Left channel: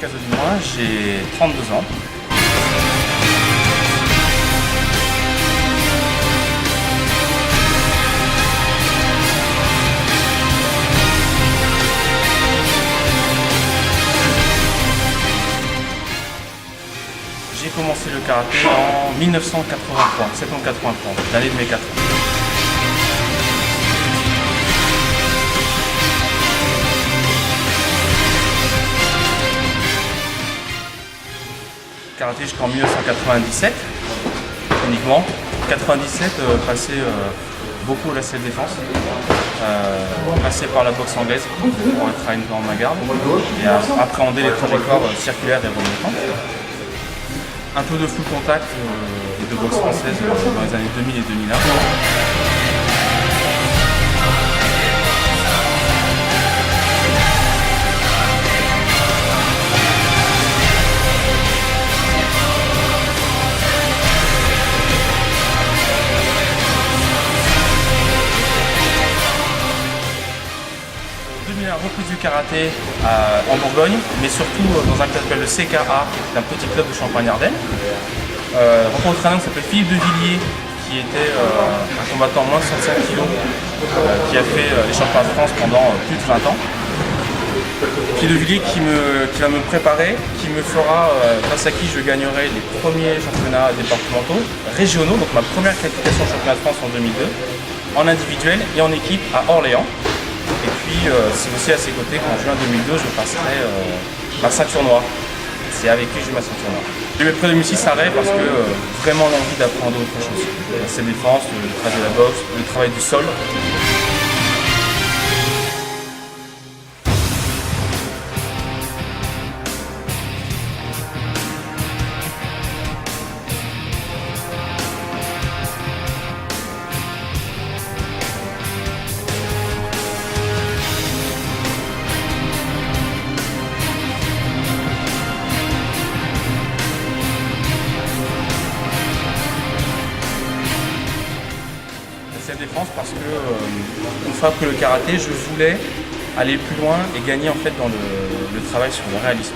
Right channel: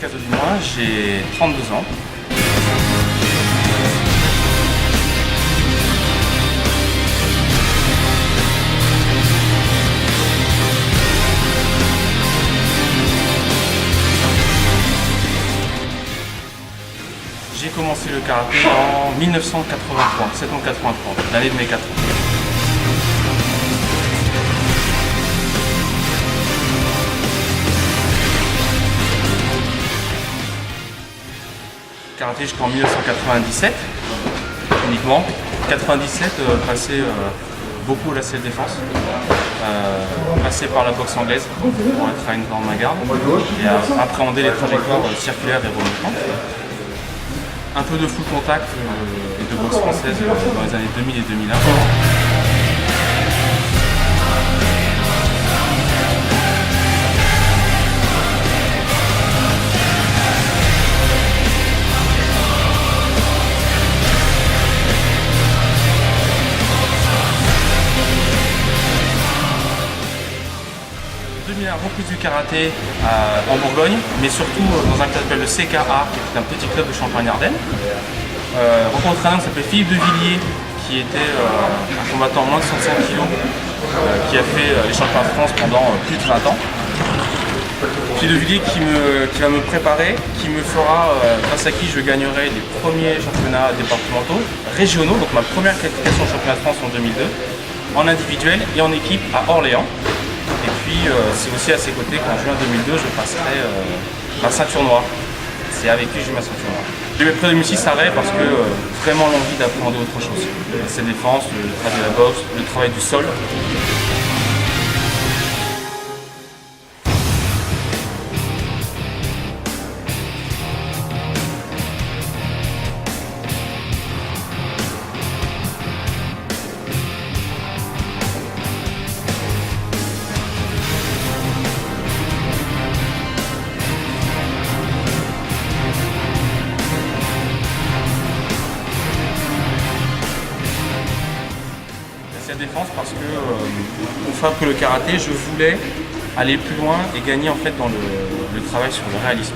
Cazaux-du-Mois, j'ai 32 ans. J'ai commencé le karaté en 1983, septembre 83, l'année de mes 4 ans. Karaté jusqu'en 1997 uniquement. 97, passé beaucoup à la salle défense, passé par la boxe anglaise pour être à une grande garde et appréhender les trajectoires circulaires et remontantes. Un peu de full contact et de boxe française dans les années 2000 et 2001. Reprise du karaté en Bourgogne, mais surtout dans un club qui s'appelle le CKA, qui est un petit club de Champagne-Ardenne. Rencontre un homme qui s'appelle Philippe de Villiers, qui était un combattant moins de 65 kg, qui a fait les championnats de France pendant plus de 20 ans. Philippe de Villiers qui va me préparer, qui me fera, grâce à qui je gagnerai les premiers championnats départementaux, régionaux, donc ma première qualification au championnat de France en 2002, en individuel et en équipe à Orléans. Et puis c'est aussi à ses côtés qu'en juin 2002 je passerai ma ceinture noire. C'est avec lui que j'ai ma ceinture noire. J'ai eu près de 2006 arrêt parce que vraiment l'envie d'apprendre autre chose. C'est la défense, le travail de la boxe, le travail du sol. La défense parce que une fois que le karaté, je voulais aller plus loin et gagner en fait dans le travail sur le réalisme.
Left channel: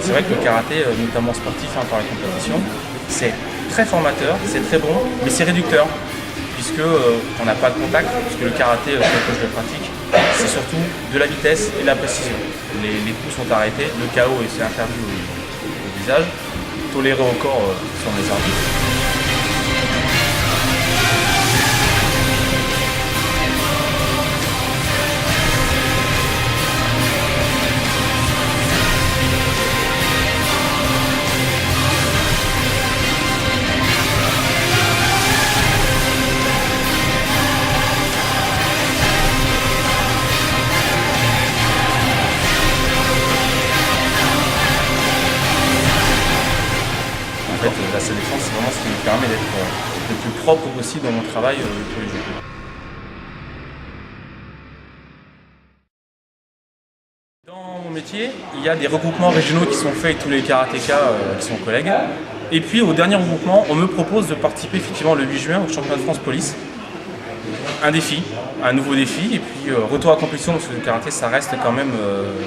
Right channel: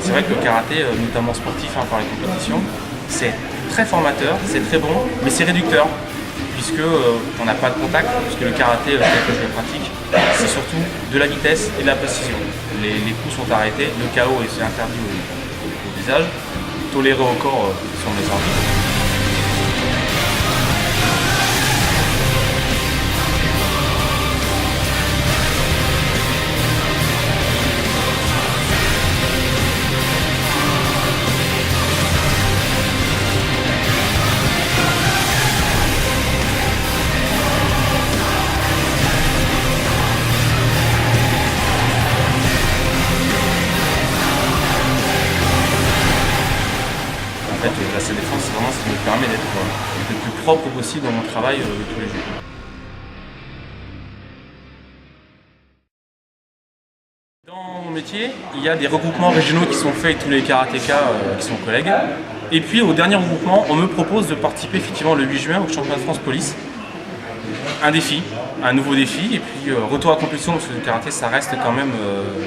C'est vrai que le karaté, notamment sportif par les compétitions, c'est très formateur, c'est très bon, mais c'est réducteur puisque on n'a pas de contact, puisque le karaté tel que je le pratique, c'est surtout de la vitesse et de la précision. Les coups sont arrêtés, le KO est interdit au visage, toléré au corps selon les arbitres. En fait, la salle défense, c'est vraiment ce qui me permet d'être le plus propre possible dans mon travail tous les jours. Dans mon métier, il y a des regroupements régionaux qui sont faits avec tous les karatékas qui sont collègues. Et puis au dernier regroupement, on me propose de participer effectivement le 8 juin au championnat de France police. Un défi, un nouveau défi, et puis retour à compétition parce que le karaté ça reste quand même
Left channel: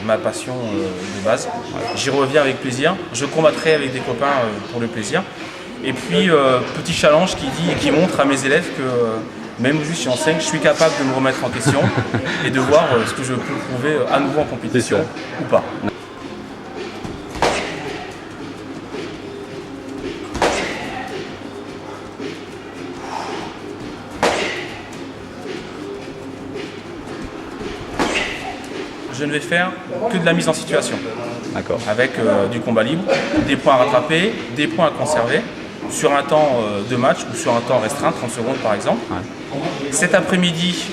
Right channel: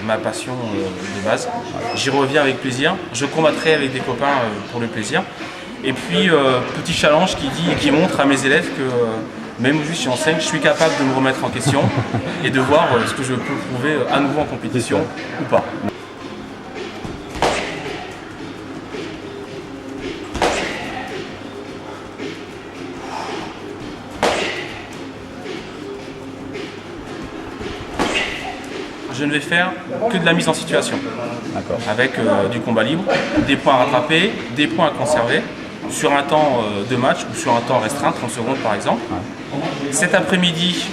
ma passion de base. J'y reviens avec plaisir, je combattrai avec des copains pour le plaisir. Et puis petit challenge qui dit et qui montre à mes élèves que même juste si j'enseigne, je suis capable de me remettre en question et de voir ce que je peux prouver à nouveau en compétition ou pas. Je ne vais faire que de la mise en situation, avec du combat libre, des points à rattraper, des points à conserver, sur un temps de match ou sur un temps restreint, 30 secondes par exemple. Cet après-midi,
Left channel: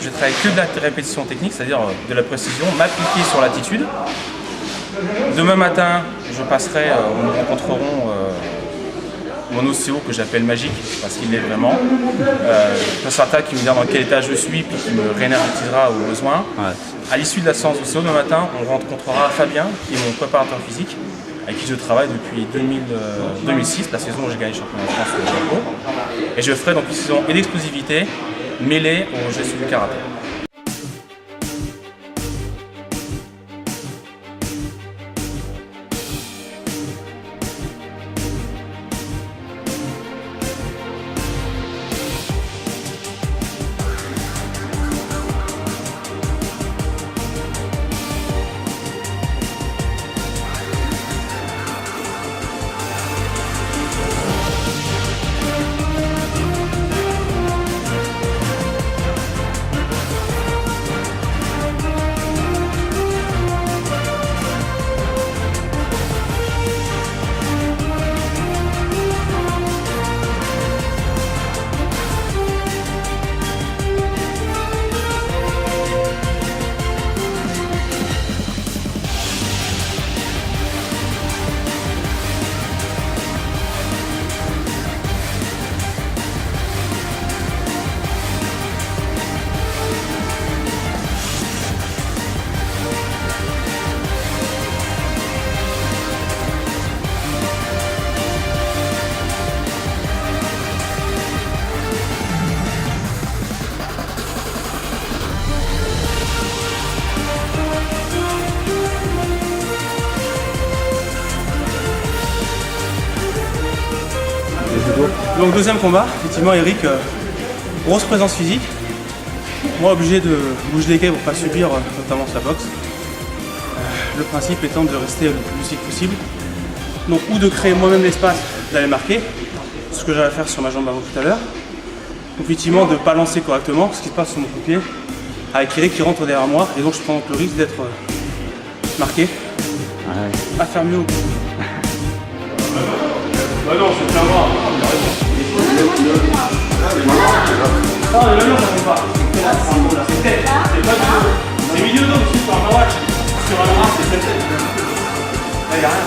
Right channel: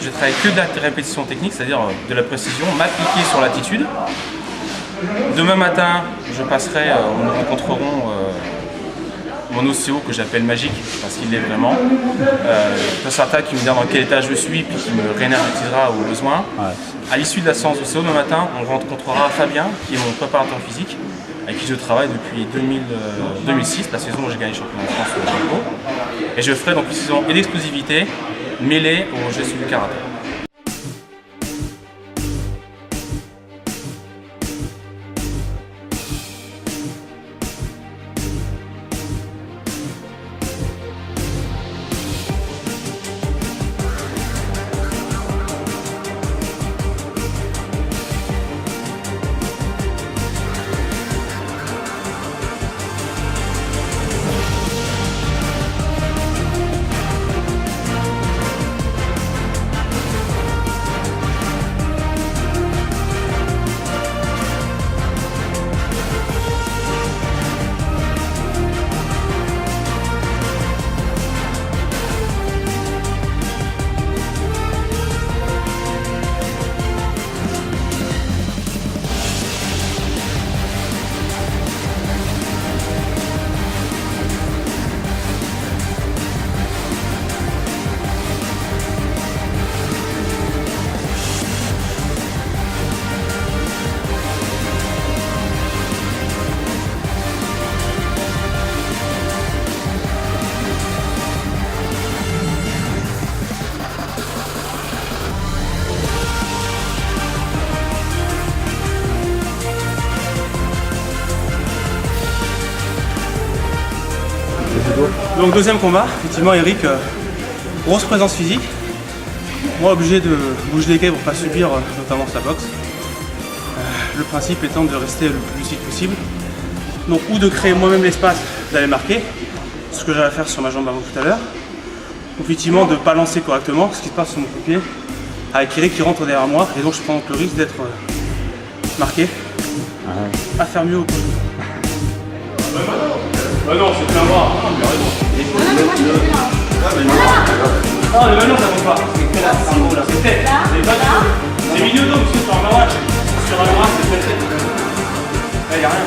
je travaille que de la répétition technique, c'est-à-dire de la précision, m'appliquer sur l'attitude. Demain matin, nous rencontrerons mon ostéo que j'appelle magique, parce qu'il l'est vraiment. Tassata qui me dira dans quel état je suis, puis qui me réénergisera au besoin. À l'issue de la séance ostéo, demain matin, on rencontrera Fabien, qui est mon préparateur physique, avec qui je travaille depuis 2006, la saison où j'ai gagné le championnat de France au Japon. Et je ferai donc une saison et d'explosivité mêlée au gestes du karaté. Donc deuxième combat, effectivement Eric, grosse présence physique. Moi obligé de bouger les quais pour pas subir notamment sa boxe. Le principe étant de rester le plus lucide possible. Donc ou de créer moi-même l'espace d'aller marquer, ce que j'allais faire sur ma jambe avant tout à l'heure. Effectivement de ne pas lancer correctement ce qui se passe sur mon coup de pied avec Eric qui rentre derrière moi et donc je prends donc le risque d'être marqué à faire mieux au prochain tour. Bah non, c'est plein bras. Non, mais maintenant ça compte pas. C'est là, c'est tête. C'est pas du tout. C'est milieu dos, sur un match. Sur un bras, c'est tête. Là, il n'y a rien.